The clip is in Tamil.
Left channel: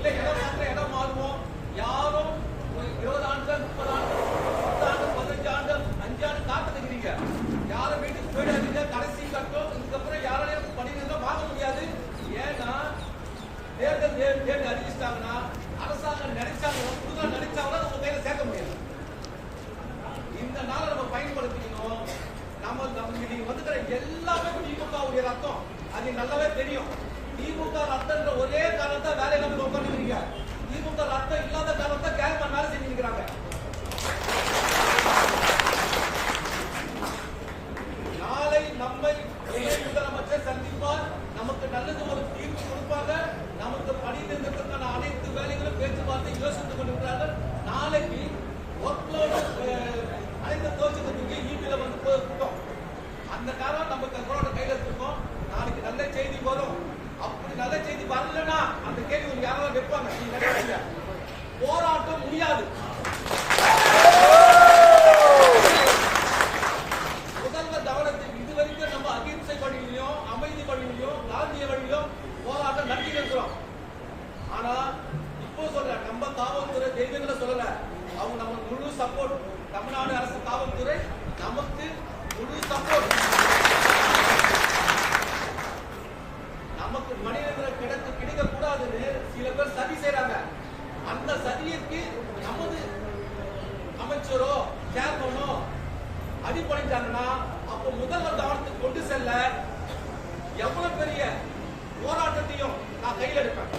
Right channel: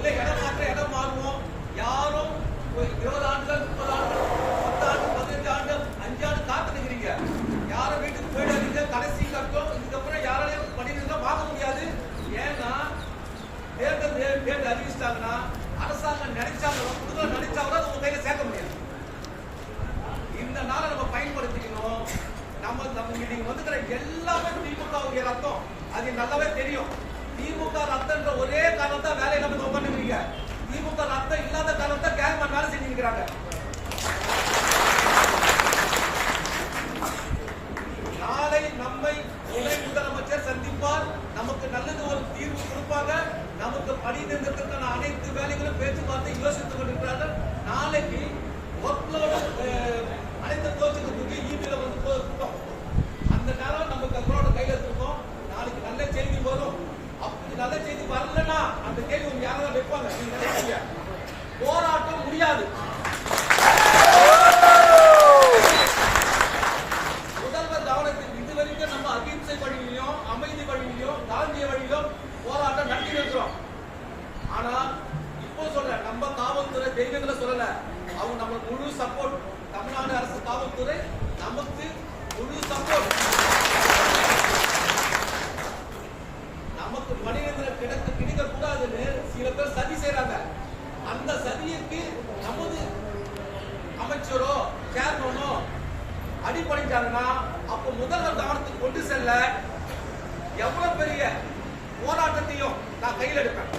இல்லை இடம் மாற்ற இடம் மாறுவோம். யாரும் இருபது ஆண்டுகள் முப்பது ஆண்டுகள் பத்து ஆண்டு பதினஞ்சு ஆண்டு அஞ்சு ஆண்டு காத்துக்கிறீங்க யாரும் வீட்டுக்கு போயிடாதீங்க. கடைசி கட்டம் இதுக்கப்புறம் யாராலையும் பணிகள் வாங்க முடியாது. ஏன்னா தேர்தல் தேர்தல் அறிவிச்சிட்டாங்கன்னா அரசாங்கம் நினைச்சாங்களோ புதுதாக நினைச்சாங்களோ அதை உங்க கையில சேர்க்க முடியாது. இந்த நாளை நம்ம பயன்படுத்திக்கணும். நம்ம நம்ம நீங்க வந்துக்கிற எல்லாமே திமுகவுடைய ரத்தம். அது நல்லாவே தெரியும். திமுக ரத்தன்ற ஒரே காரணத்தை வேலை இல்லாம உட்காந்துருக்கீங்க திமுக ரத்தம் இல்லாத காரணத்தை கேங்மேன் வேலை செஞ்சுக்கிறாங்க நாளை நம்மை துணை முதலமைச்சர் சந்திப்பார். நமக்கு நல்லது ஒரு தீர்வு கொடுப்பாங்க. நமக்கு பணி நிறுத்தத்திற்கான அனைத்து வேலைகளும் பேச்சுவார்த்தை யோசித்துக் கொண்டிருக்கிறார்கள். நாளைக்கு நல்ல செய்தி வரலன்னா அந்த கேள்வி உங்களுக்கு யாராவது வைப்பாங்க? நீங்க நினைக்கிறீங்க போராட்டம் முடியாது. முதல்வர் கவனத்தில் இதுவரைக்கும் நம்ம அகிம்சை வழியிலையும் அமைதி வழியிலையும் காந்திய வழியிலும் போராட்டம் நடத்தி இருக்கிறோம். ஆனா இப்போ சொல்ற நம்ம காவல்துறை தெய்வங்களை சொல்லல. அவங்க நம்ம முழு சப்போர்ட் தமிழ்நாடு அரசு காவல்துறை நமக்கு முழு சப்போர்ட் சதியிற்கு நமது அமைச்சரோ சேர்மனோ அடிபணிட்டாங்கன்னா அப்போ முதல்வர் கவனத்துக்கு கொண்டு செல்ல எவ்வளவு பெரிய போராட்டத்தையும் நான் கையில் எடுப்பேன்.